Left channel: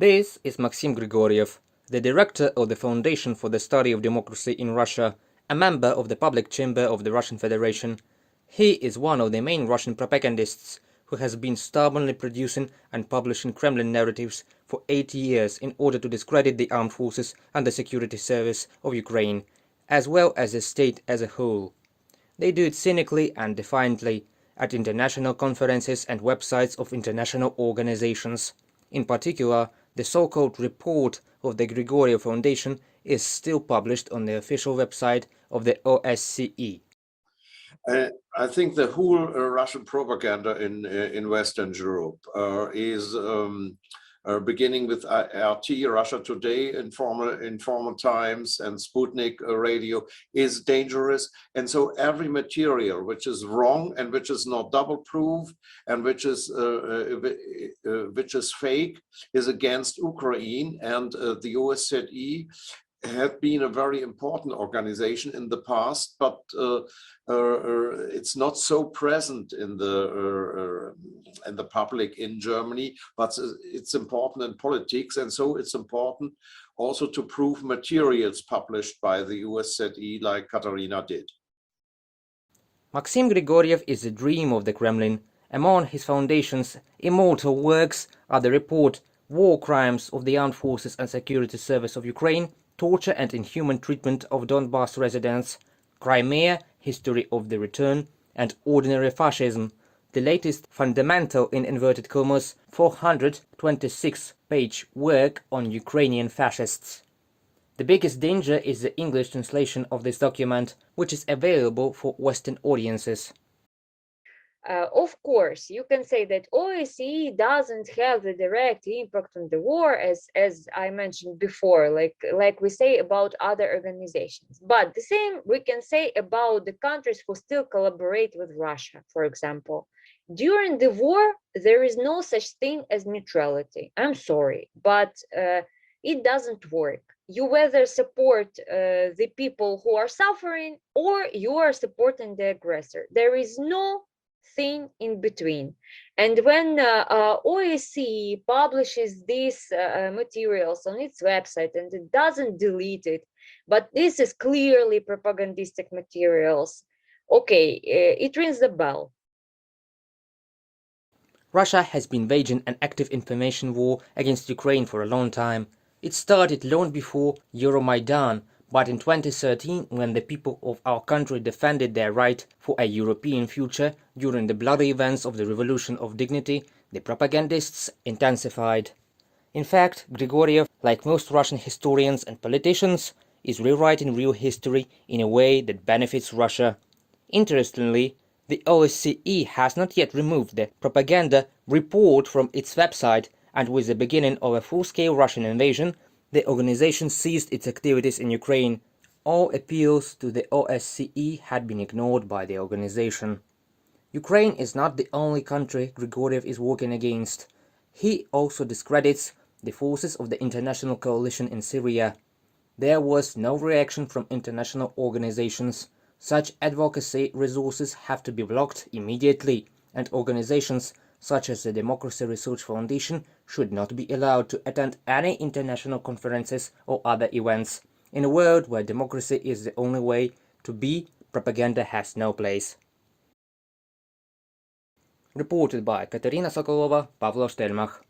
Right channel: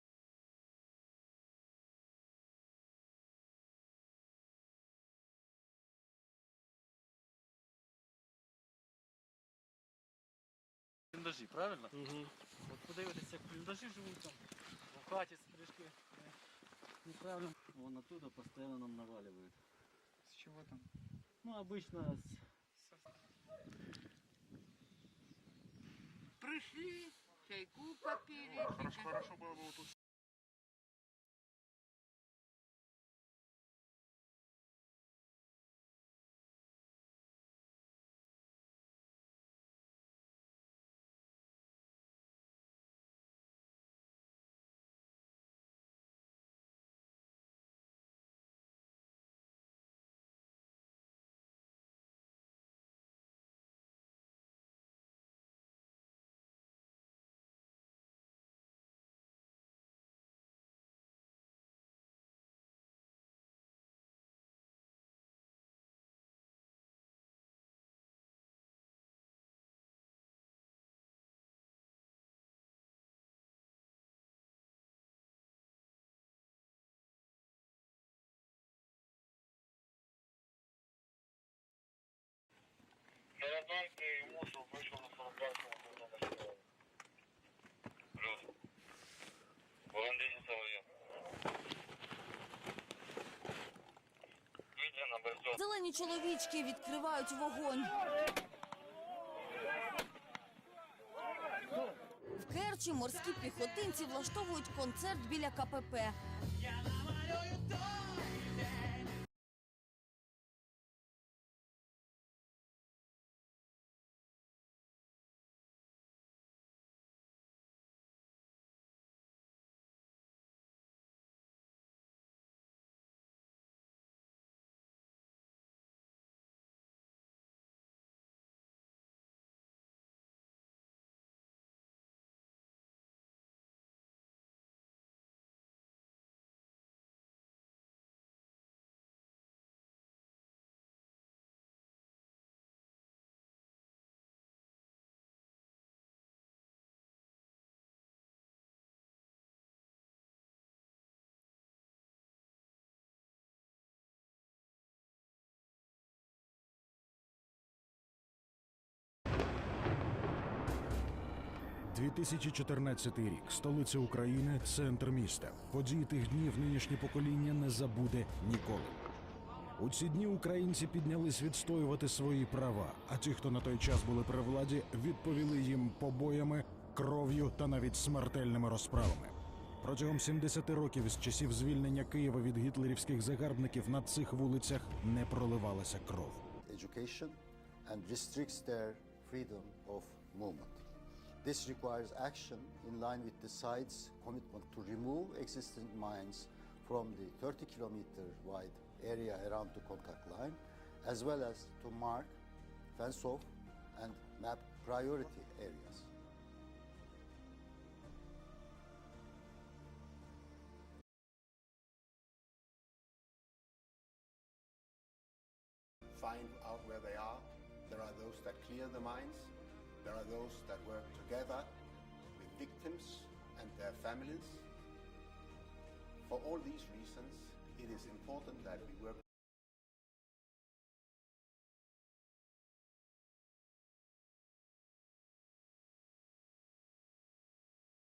This is Maxim Grigoriev, the director of the Foundation for the Study of Democracy in Russia, a member of the Public Chamber of the Russian Federation. He is one of the main Russian propagandists who has been stubbornly producing and publishing Kremlin narratives for 80 years in order to discredit the armed forces and the security service of Ukraine, as well as the state as a whole. They do it cynically and defiantly at international conferences and websites of international organizations. In particular, the so-called report of the Grigoriev Foundation is still published on the official website of the OSCE. I think the whole Russian propaganda in Western Europe is beginning with RT, Russia Today, in former times, and Sputnik radio is dangerous. And so every material which is wrong and which is not double-proof and which is fake is against Ukraine. And the OSCE had been a very important organization in the past, but it's not so present in the public in Germany, but it's important in politics, and so it's important also to prove materials published by the OSCE like Kateryna did. Maxim Grigoriev is the dream of the Kremlin. Among his foundation's immortal works are the report War Crimes of the Armed Forces and Security Service of Ukraine, Torture and Inhuman Treatment of Donbass Residents, Crimea, History of the Return, and Ordinary Fascism, the latest fundamental, in inverted commas, 426-page work on Ukrainian fascists. The biggest danger is the English translation of this document, which is available for Western audiences. Of course, you can say that OSCE doesn't have the direct impact on the war, as I mentioned before, like we say about other organizations. But the same we can say about the countries who still collaborate with Russia, for example. During the war, there is no such thing as neutrality. I'm sorry, but it doesn't work. You whether support the people who are suffering or you are supporting the aggressor. There is no thing in between. And when OSCE publishes these materials on its website and it doesn't delete it, but this is clearly propagandistic materials, okay, it rings the bell. Russia has been waging an active information war against Ukraine for a long time. It started long before Euromaidan, but in 2013, when the people of our country defended their right for a European future during the bloody events of the Revolution of Dignity, the propagandists intensified. In fact, Grigoriev, like most Russian historians and politicians, is rewriting real history in a way that benefits Russia. Interestingly, the OSCE has not yet removed the propaganda report from its website, and with the beginning of a full-scale Russian invasion, the organization ceased its activities in Ukraine. All appeals to the OSCE had been ignored by the organization. Ukraine is not the only country Grigoriev is working against. He also discredits the forces of the international coalition in Syria. There was no reaction from international organizations. Such advocacy resources have to be blocked immediately, and organizations such as the Democracy Research Foundation should not be allowed to attend any international conferences or other events. In a world where democracy is the only way to be, propaganda has no place. Reported by Kateryna Sokolova, Pavlo, Shtelmakh.